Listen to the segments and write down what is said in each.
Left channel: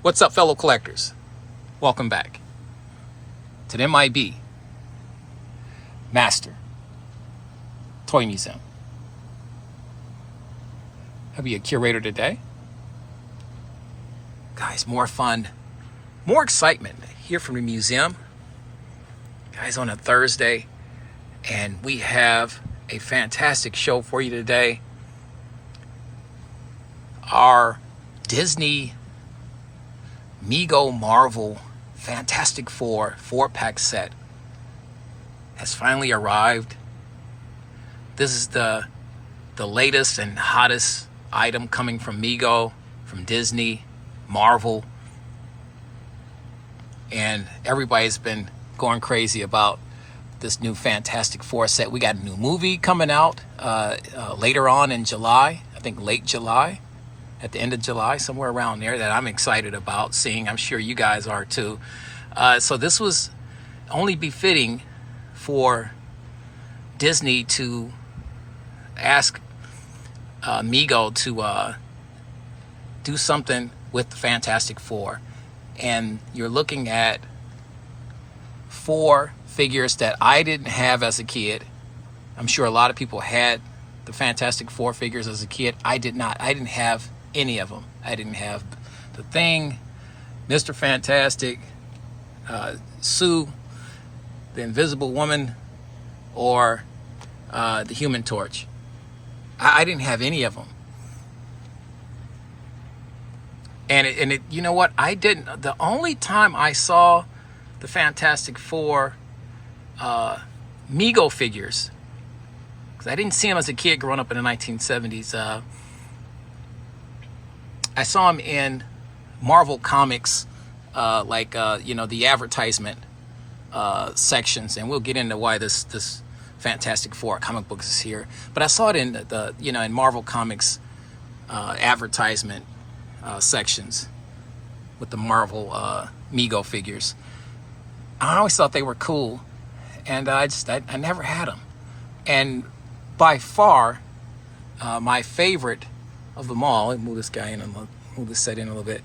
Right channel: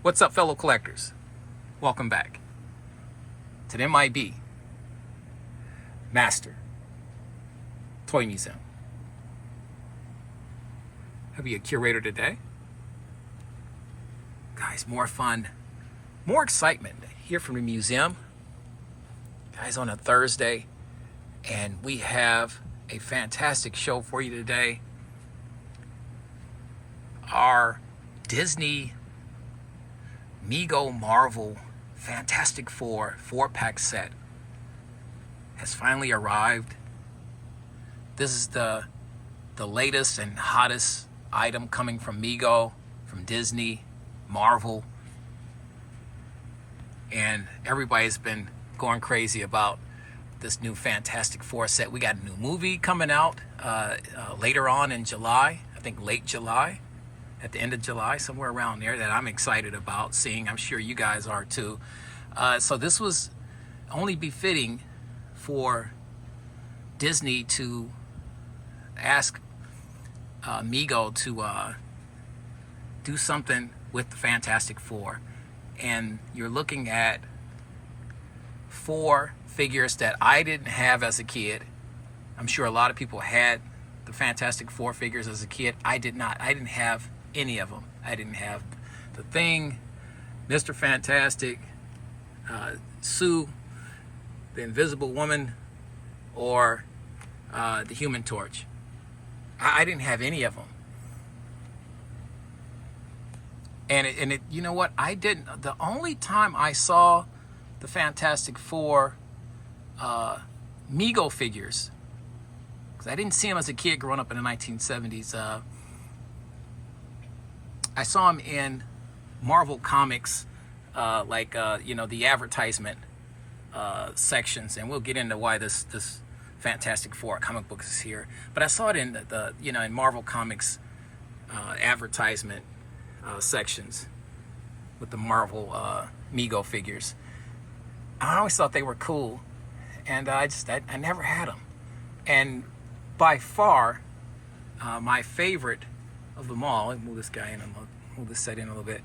What's up, fellow collectors? Welcome back to the M.I.B. Master Toy Museum. I'll be a curator today. Guys, more fun, more excitement here from the museum. Guys, on a Thursday, and we have a fantastic show for you today. Our Disney Mego Marvel Fantastic Four 4-pack set has finally arrived. This is the latest and hottest item coming from Mego, from Disney, Marvel, and everybody's been going crazy about this new Fantastic Four set. We got a new movie coming out later on in July, I think late July, at the end of July, somewhere around there, that I'm excited about seeing. I'm sure you guys are too. So this was only befitting for Disney to ask Mego to do something with the Fantastic Four. And you're looking at 4 figures that I didn't have as a kid. I'm sure a lot of people had the Fantastic Four figures as a kid. I did not. I didn't have any of them. I didn't have the Thing, Mr. Fantastic, Sue, the Invisible Woman, or the Human Torch. I didn't have any of them. And it, you know what? I didn't. The only time I saw the Fantastic Four Mego figures, because I didn't see them as a kid growing up in the 1970s. I saw them in Marvel Comics, the advertisement sections, and we'll get into why this Fantastic Four comic books is here. But I saw it in in Marvel Comics advertisement sections with the Marvel Mego figures. I always thought they were cool, and I never had them. And by far, my favorite of them all, let me move this guy in and move this set in a little bit,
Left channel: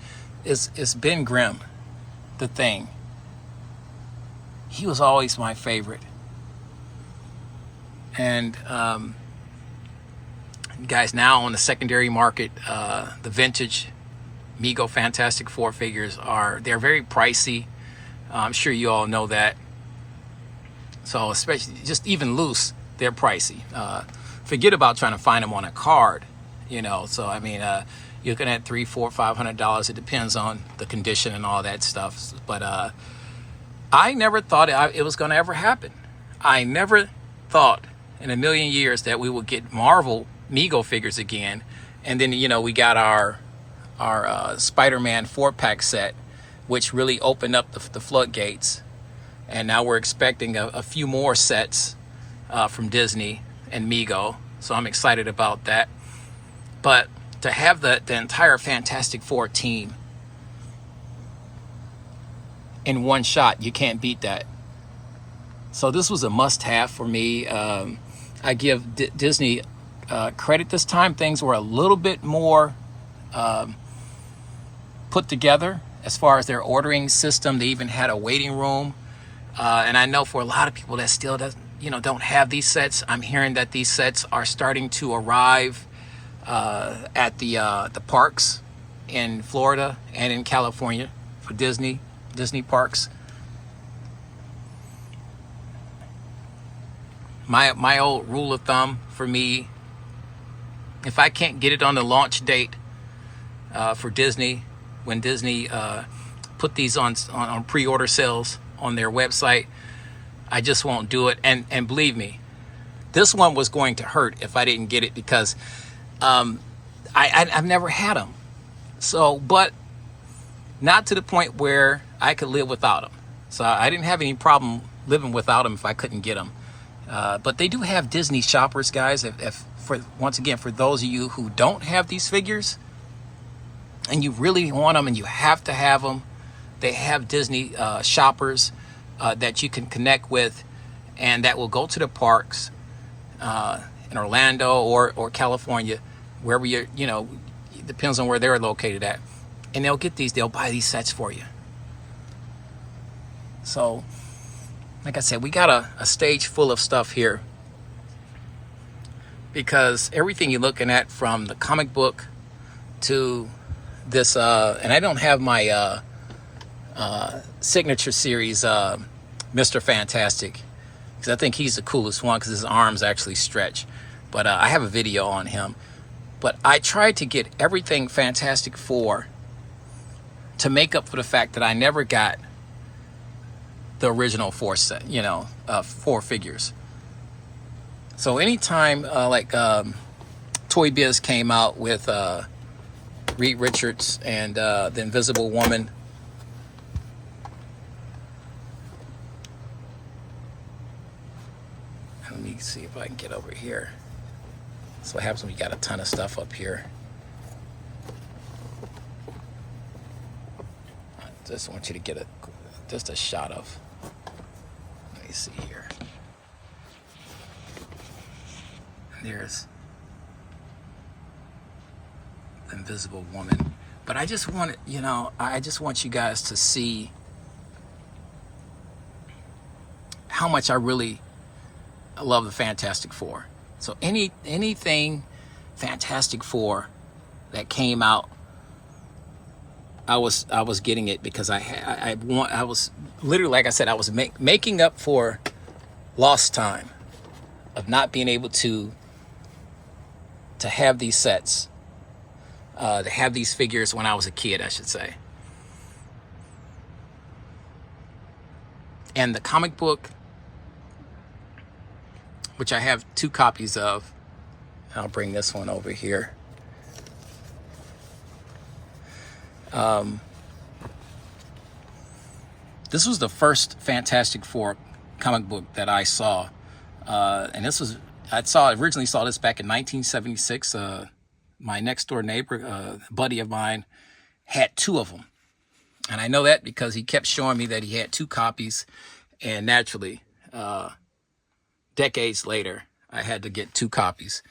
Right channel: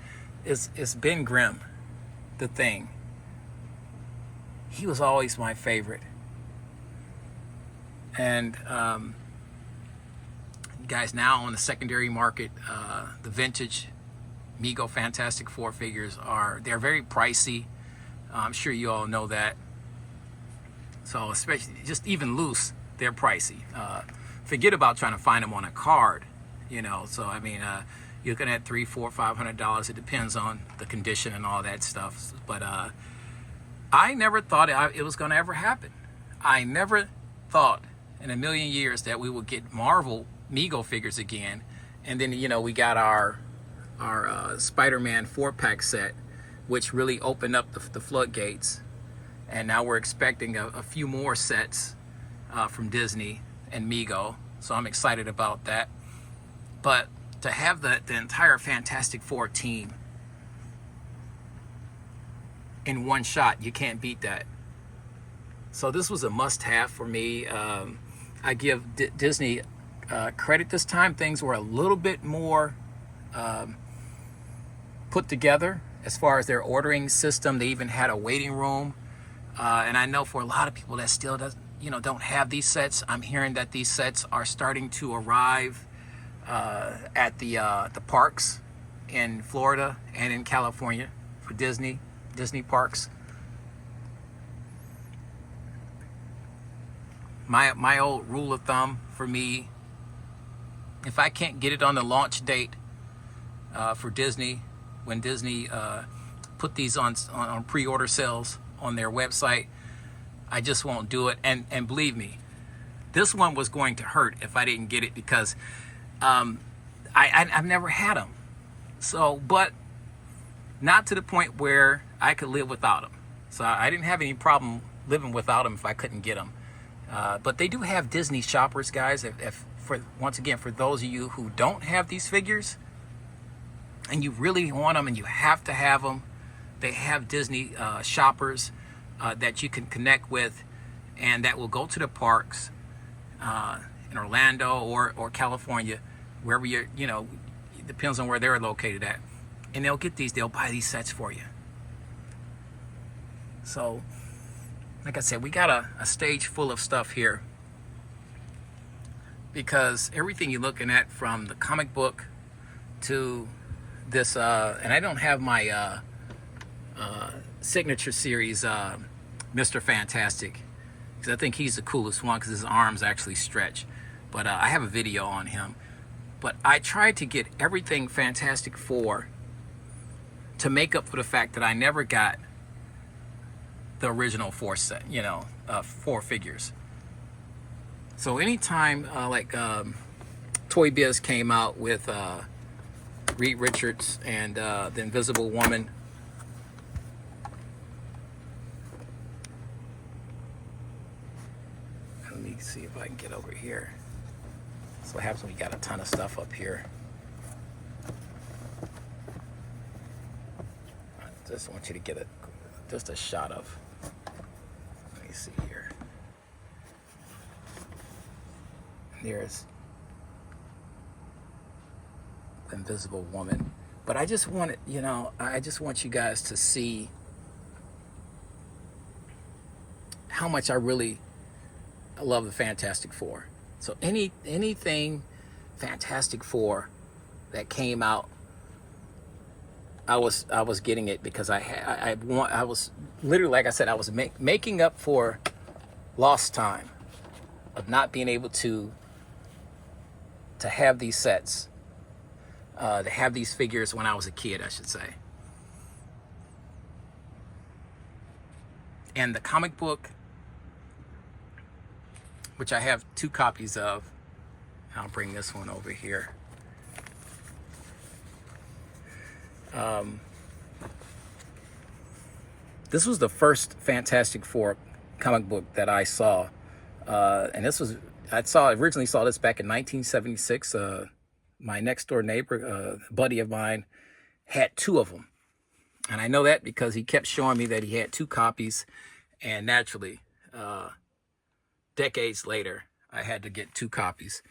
is Ben Grimm, the Thing. He was always my favorite. And guys, now on the secondary market, the vintage Mego Fantastic Four figures they're very pricey. I'm sure you all know that. So especially just even loose, they're pricey. Forget about trying to find them on a card. So I mean, you're looking at $300, $400, $500. It depends on the condition and all that stuff. But I never thought it was going to ever happen. I never thought in a million years that we would get Marvel Mego figures again. And then we got our Spider-Man 4-pack set, which really opened up the floodgates. And now we're expecting a few more sets from Disney and Mego. So I'm excited about that. But to have the entire Fantastic Four team in one shot, you can't beat that. So this was a must-have for me. I give Disney credit this time. Things were a little bit more put together as far as their ordering system. They even had a waiting room. And I know for a lot of people that still don't have these sets, I'm hearing that these sets are starting to arrive at the parks in Florida and in California for Disney parks. My old rule of thumb for me, if I can't get it on the launch date for Disney, when Disney put these on pre-order sales on their website, I just won't do it. And believe me, this one was going to hurt if I didn't get it, because I've never had them. So, but not to the point where I could live without them. So I didn't have any problem living without them if I couldn't get them. But they do have Disney shoppers, guys. Once again, for those of you who don't have these figures and you really want them and you have to have them, they have Disney shoppers that you can connect with, and that will go to the parks in Orlando or California, wherever it depends on where they're located at. and they'll buy these sets for you. So, like I said, we got a stage full of stuff here, because everything you're looking at, from the comic book to this, and I don't have my signature series, Mr. Fantastic, because I think he's the coolest one because his arms actually stretch. But I have a video on him. But I tried to get everything Fantastic Four to make up for the fact that I never got the original four set, four figures. So anytime Toy Biz came out with Reed Richards and the Invisible Woman, let me see if I can get over here. That's what happens when you got a ton of stuff up here. I just want you to get just a shot of. Let me see here. There's the Invisible Woman. But I just want I just want you guys to see how much I really love the Fantastic Four. So anything Fantastic Four that came out, I was getting it, because I was literally, like I said, I was making up for lost time of not being able to have these sets, to have these figures when I was a kid, I should say. And the comic book, which I have 2 copies of. I'll bring this one over here. This was the first Fantastic Four comic book that I saw, and I originally saw this back in 1976. My next door neighbor, buddy of mine, had 2 of them, and I know that because he kept showing me that he had 2 copies, and naturally, decades later, I had to get 2 copies.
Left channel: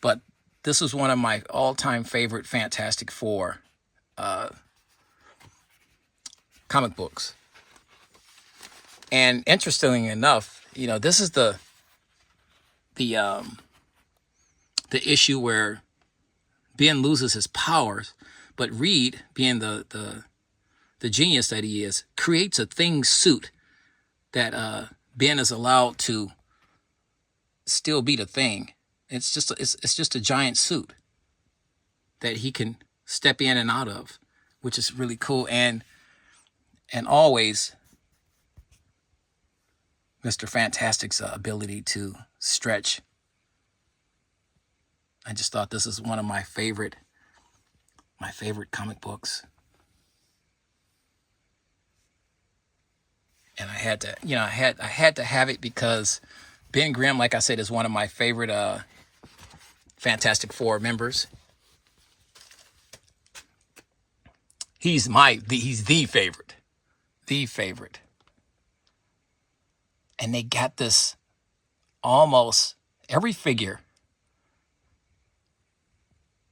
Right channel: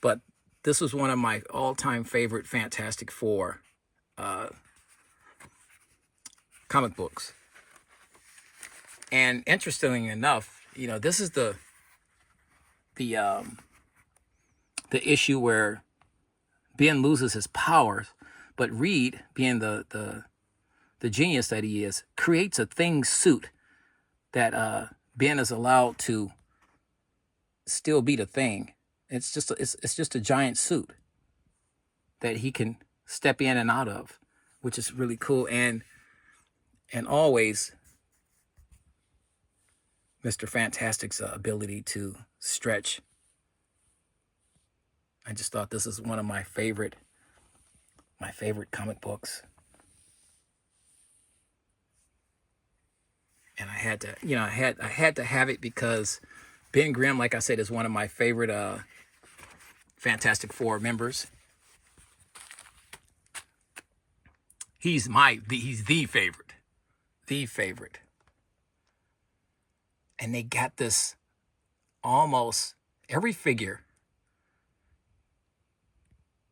But this was one of my all-time favorite Fantastic Four comic books. And interestingly enough, this is the issue where Ben loses his powers, but Reed, being the genius that he is, creates a thing suit that Ben is allowed to still be the Thing. It's just a giant suit that he can step in and out of, which is really cool. And always Mr. Fantastic's ability to stretch. I just thought this is one of my favorite comic books. And I had to, I had to have it because Ben Grimm, like I said, is one of my favorite Fantastic Four members. He's the favorite. The favorite. And they got this almost every figure.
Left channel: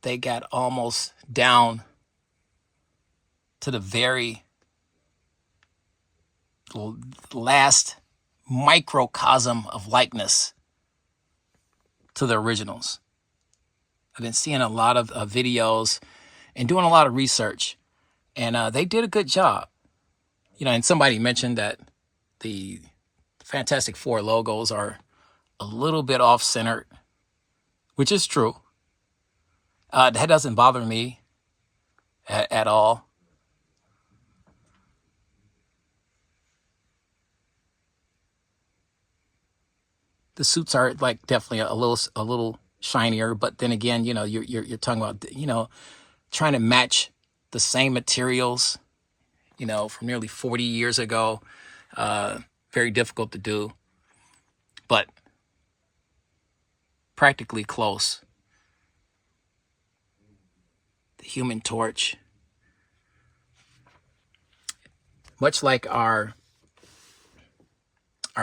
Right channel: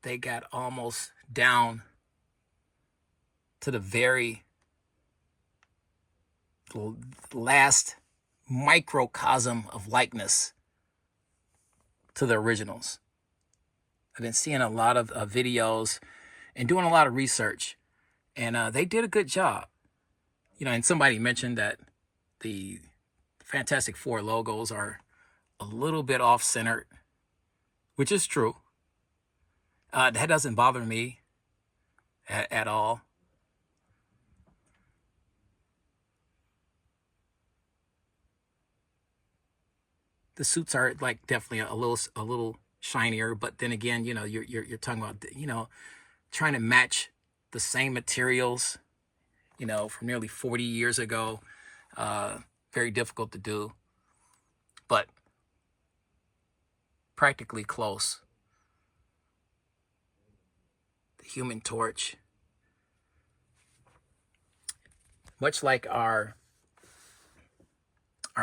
They got almost down to the very last microcosm of likeness to the originals. I've been seeing a lot of videos and doing a lot of research, and they did a good job. And somebody mentioned that the Fantastic Four logos are a little bit off-centered, which is true. That doesn't bother me at all. The suits are definitely a little shinier, but then again, you're talking about trying to match the same materials, from nearly 40 years ago. Very difficult to do, but practically close. The Human Torch, much like our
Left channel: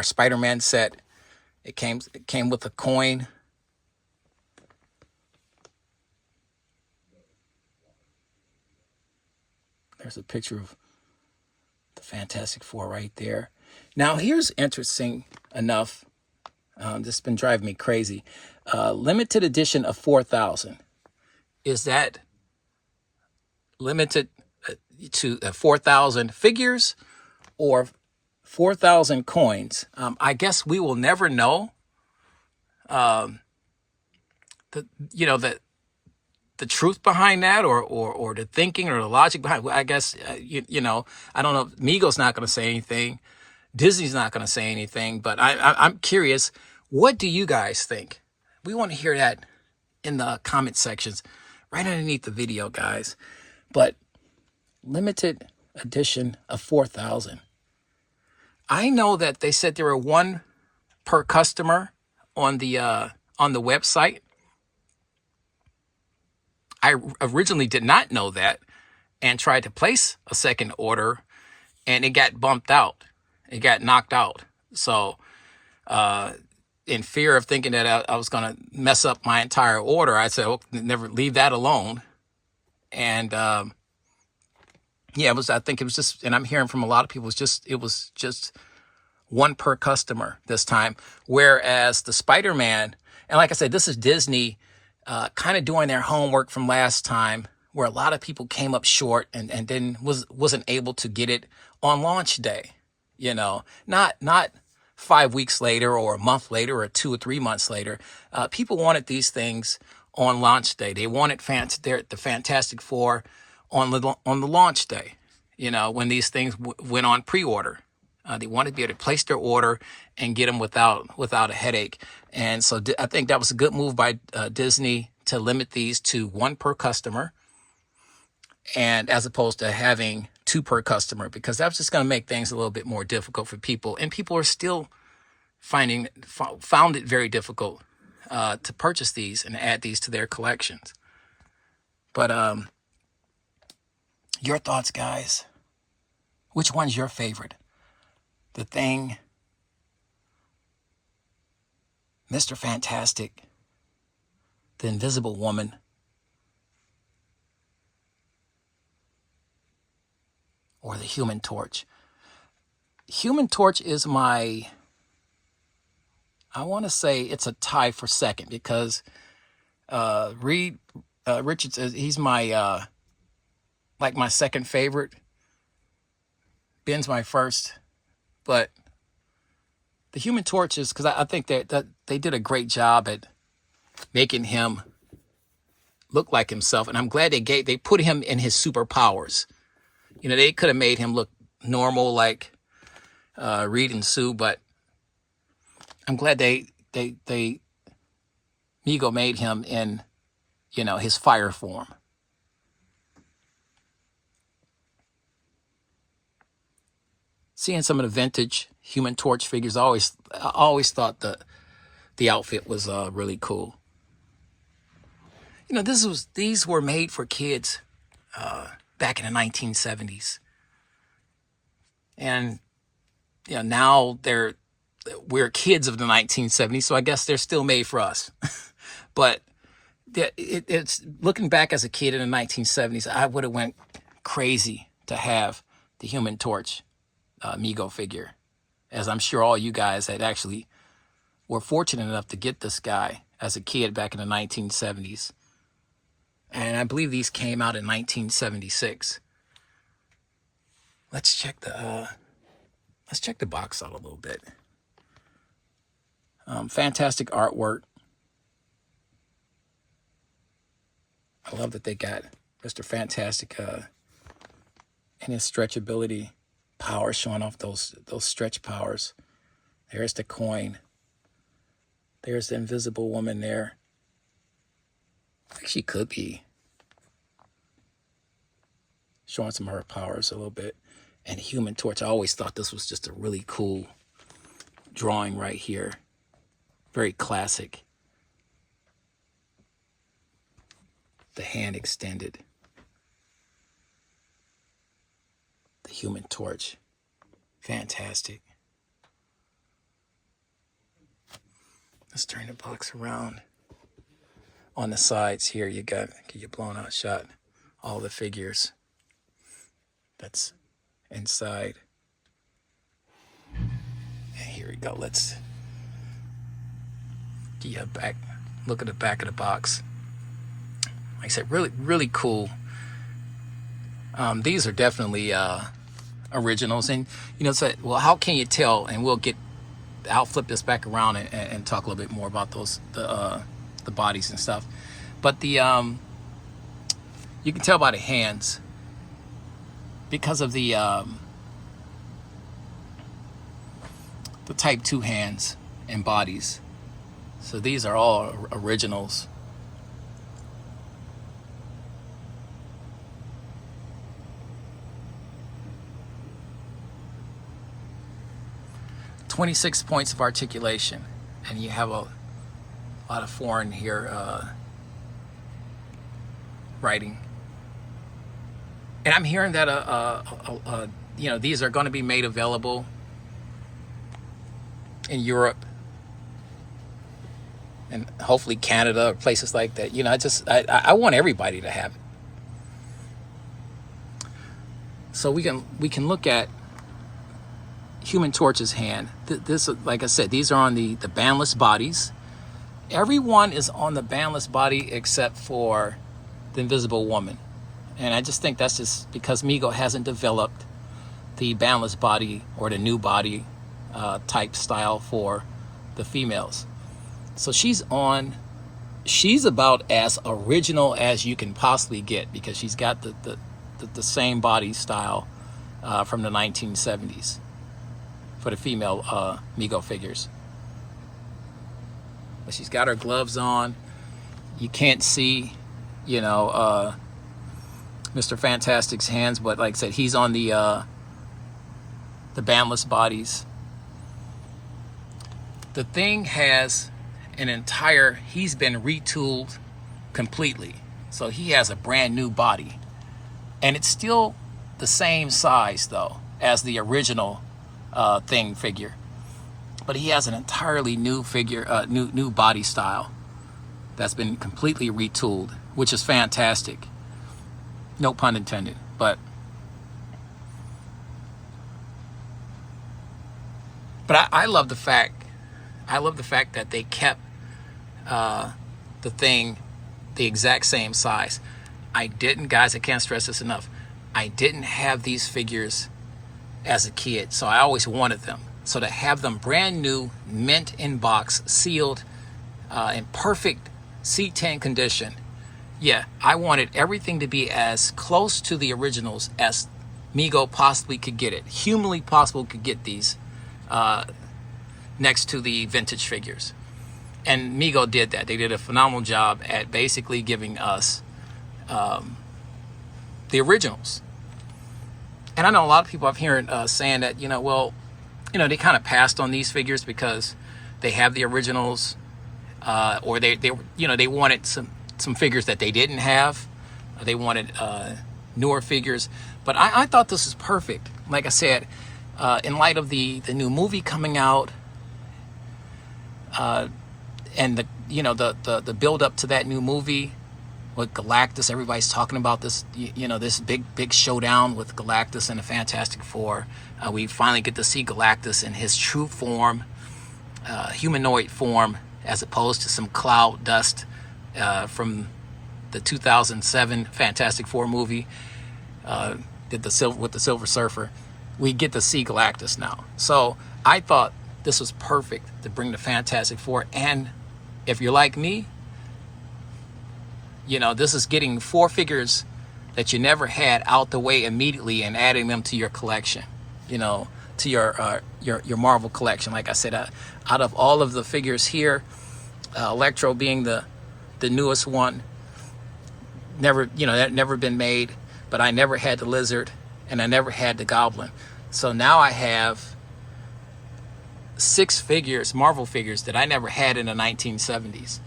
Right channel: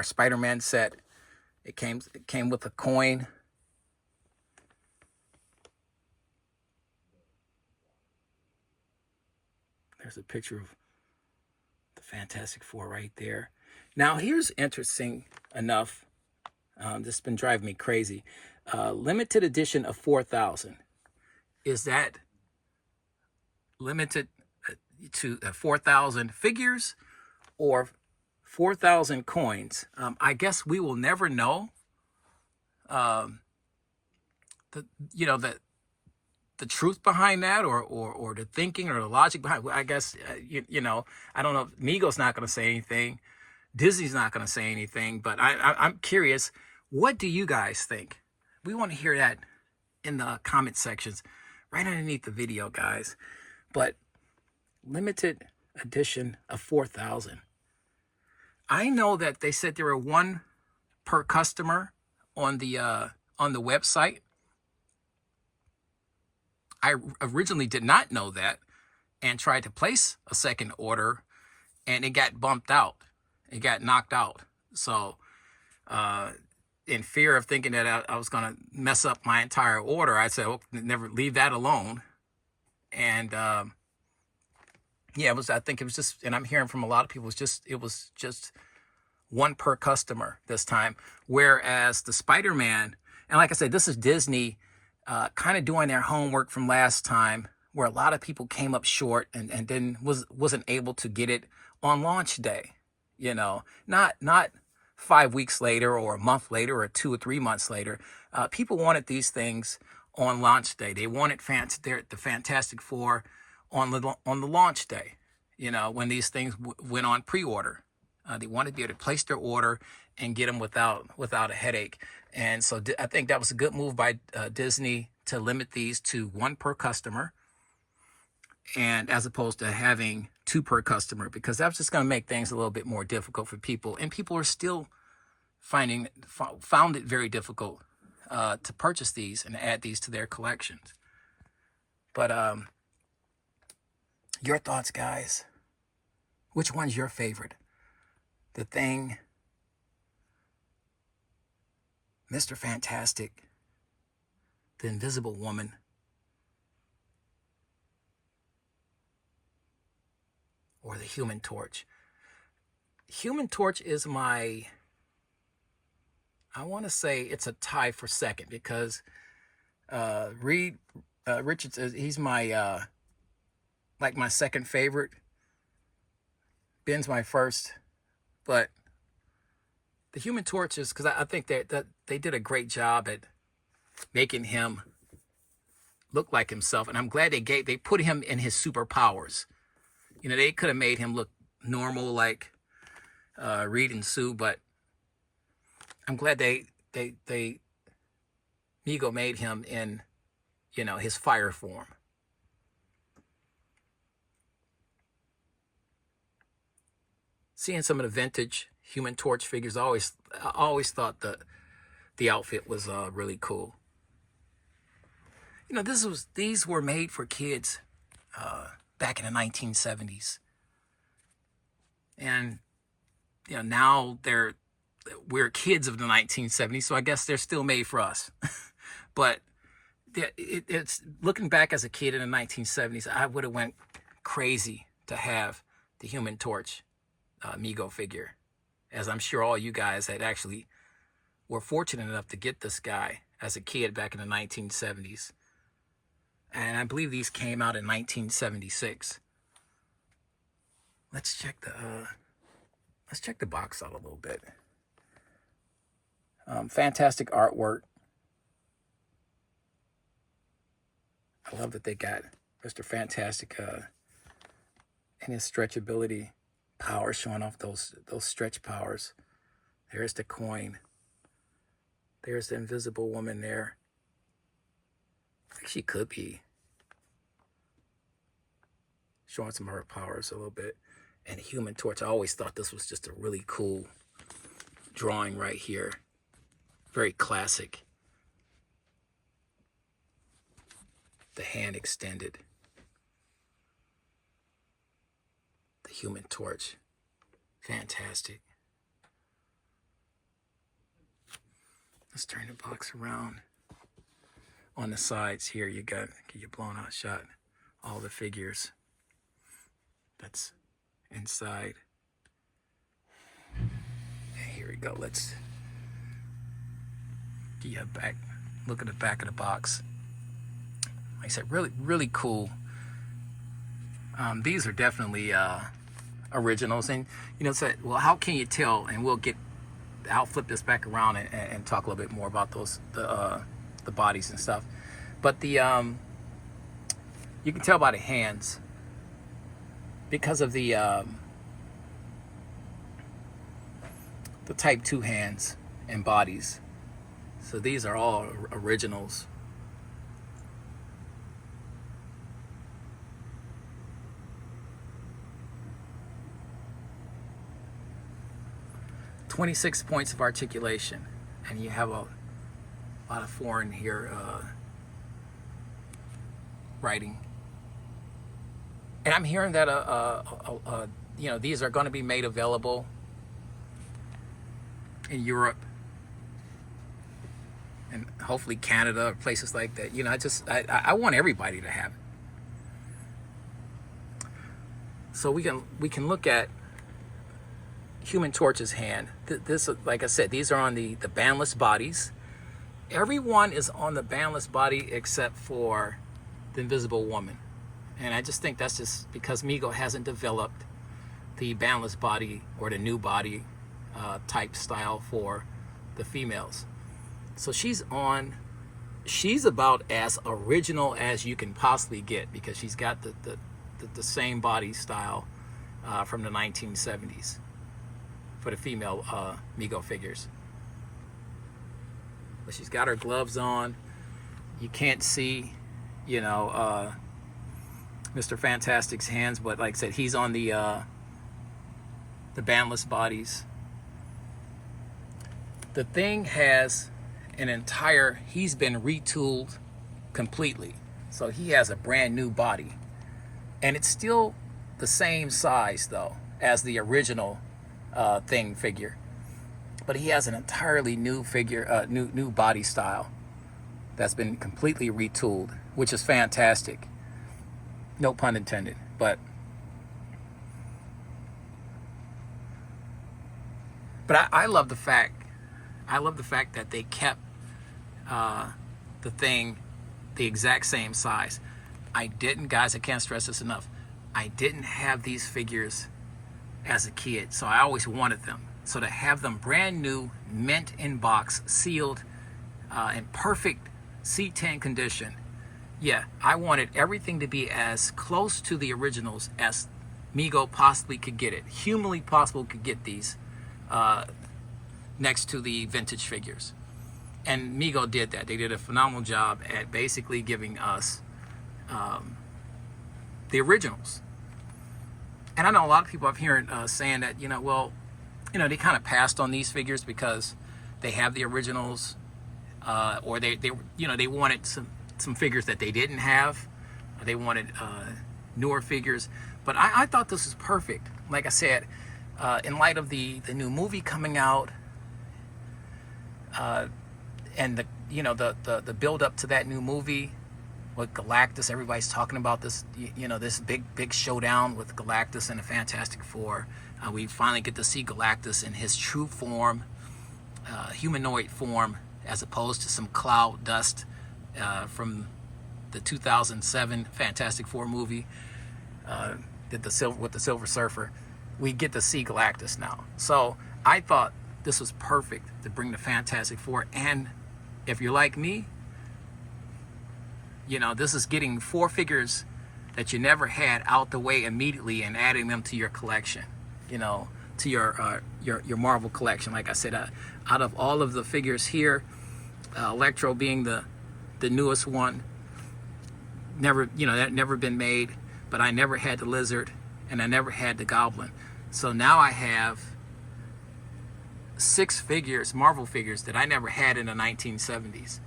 Spider-Man set, it came with a coin. There's a picture of the Fantastic Four right there. Now, here's interesting enough. This has been driving me crazy. Limited edition of 4,000. Is that limited to 4,000 figures or 4,000 coins? I guess we will never know. The the truth behind that, or the thinking or the logic behind. I guess I don't know. Mego's not going to say anything. Disney's not going to say anything. But I'm curious. What do you guys think? We want to hear that in the comment sections, right underneath the video, guys. But limited edition of 4,000. I know that they said there were one per customer on the website. I originally did not know that and tried to place a second order, and it got bumped out. It got knocked out. So in fear of thinking that I was going to mess up my entire order, I said, never leave that alone. And I think it was just, and I'm hearing from a lot of people, it was just one per customer this time. Whereas the Spider-Man, and like I said, this is Disney kind of doing their homework from last time, where a lot of people came up short and then wasn't able to get it on launch day. Not 5 weeks later or a month later or 2 or 3 months later. People wanted these things on launch day. They wanted the Fantastic Four on the launch day. When these things went on pre-order, they wanted to be able to place their order and get them without a headache. And so I think that was a good move by Disney to limit these to one per customer, and as opposed to having two per customer, because that's just going to make things a little bit more difficult for people. And people are still found it very difficult to purchase these and add these to their collections. But your thoughts, guys? Which one's your favorite? The Thing, Mr. Fantastic, the Invisible Woman, or the Human Torch? Human Torch is I want to say it's a tie for second, because Reed Richards, he's my my second favorite. Ben's my first, but the Human Torch is, because I think that they did a great job at making him look like himself, and I'm glad they put him in his superpowers. They could have made him look normal like Reed and Sue, but I'm glad they Mego made him in his fire form. Seeing some of the vintage Human Torch figures, I always thought the outfit was really cool. These were made for kids back in the 1970s, and now we're kids of the 1970s, so I guess they're still made for us. But it's looking back as a kid in the 1970s, I would have went crazy to have the Human Torch Mego figure, as I'm sure all you guys that actually were fortunate enough to get this guy as a kid back in the 1970s. And I believe these came out in 1976. Let's check the box out a little bit. Fantastic artwork. I love that they got Mr. Fantastic and his stretchability power, showing off those stretch powers. There's the coin. There's the Invisible Woman there. She could be showing some of her powers a little bit. And Human Torch, I always thought this was just a really cool drawing right here. Very classic. The hand extended. The Human Torch. Fantastic. Let's turn the box around. On the sides here, you got your blown out shot. All the figures. That's inside. Here we go. Let's do you have back? Look at the back of the box. Like I said, really cool. These are definitely originals, and you know, say, well, how can you tell? And I'll flip this back around and talk a little bit more about the bodies and stuff. But you can tell by the hands because of the type 2 hands and bodies. So these are all originals. "26 points of articulation," and you have a lot of foreign here writing. And I'm hearing that you know, these are going to be made available in Europe and hopefully Canada or places like that. You know, I want everybody to have it. So we can look at Human Torch's hand. This, like I said, these are on the bandless bodies. Everyone is on the bandless body except for the Invisible Woman. And I just think that's just because Mego hasn't developed the bandless body or the new body type style for the females. So she's about as original as you can possibly get, because she's got the same body style from the 1970s for the female Mego figures. But she's got her gloves on. You can't see, you know, Mr. Fantastic's hands, but like I said, he's on the bandless bodies. The thing has he's been retooled completely. So he has a brand new body. And it's still the same size though as the original Thing figure. But he has an entirely new figure, new body style that's been completely retooled, which is fantastic. No pun intended, but I love the fact that they kept the Thing the exact same size. Guys, I can't stress this enough. I didn't have these figures as a kid, so I always wanted them. So to have them brand new, mint in box, sealed, in perfect C10 condition, yeah, I wanted everything to be as close to the originals as Mego possibly could get it, humanly possible could get these next to the vintage figures. And Mego did that. They did a phenomenal job at basically giving us the originals. And I know a lot of people I've heard saying that, you know, well, you know, they kind of passed on these figures because they have the originals, or they you know, they wanted some figures that they didn't have. They wanted newer figures. But I thought this was perfect. Like I said, in light of the new movie coming out, and the build up to that new movie with Galactus, everybody's talking about this, you know, this big showdown with Galactus and the Fantastic Four. We finally get to see Galactus in his true form, humanoid form, as opposed to some cloud dust from the 2007 Fantastic Four movie with the Silver Surfer. We get to see Galactus now. So I thought this was perfect to bring the Fantastic Four. And if you're like me, you know, this is getting 4 figures that you never had out the way immediately and adding them to your collection, you know, to your Marvel collection. Like I said, out of all of the figures here, Electro being the newest one, that never been made, but I never had the Lizard and I never had the Goblin. So now I have 6 figures, Marvel figures, that I never had in the 1970s.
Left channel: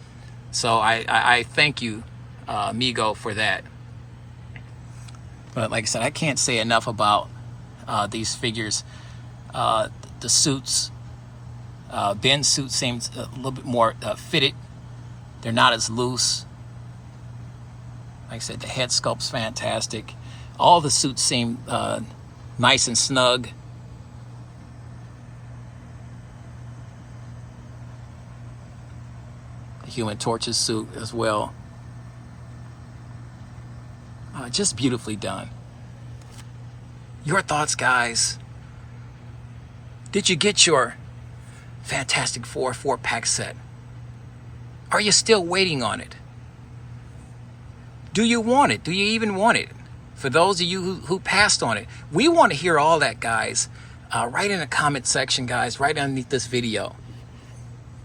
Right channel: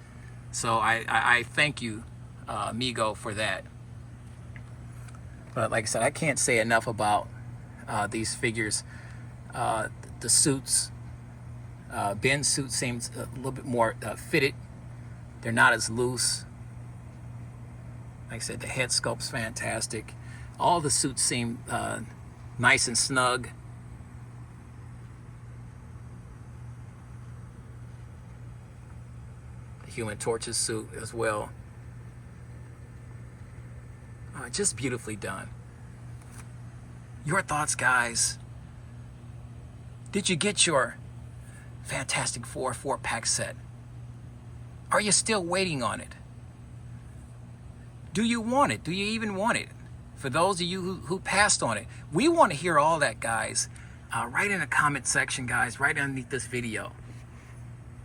So I thank you, Mego, for that. But like I said, I can't say enough about these figures. The suits, Ben's suit seems a little bit more fitted. They're not as loose. Like I said, the head sculpt's fantastic. All the suits seem nice and snug. The Human Torch's suit as well. Just beautifully done. Your thoughts, guys? Did you get your Fantastic Four 4-pack set? Are you still waiting on it? Do you want it? Do you even want it? For those of you who passed on it, we want to hear all that, guys. Right in the comment section, guys, right underneath this video.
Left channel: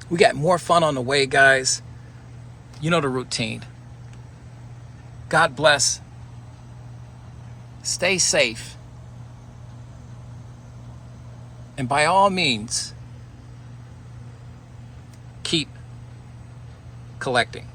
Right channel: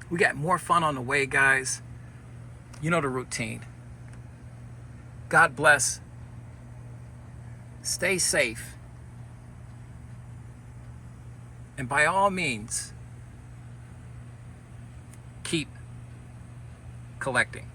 We got more fun on the way, guys. You know the routine. God bless. Stay safe. And by all means, keep collecting.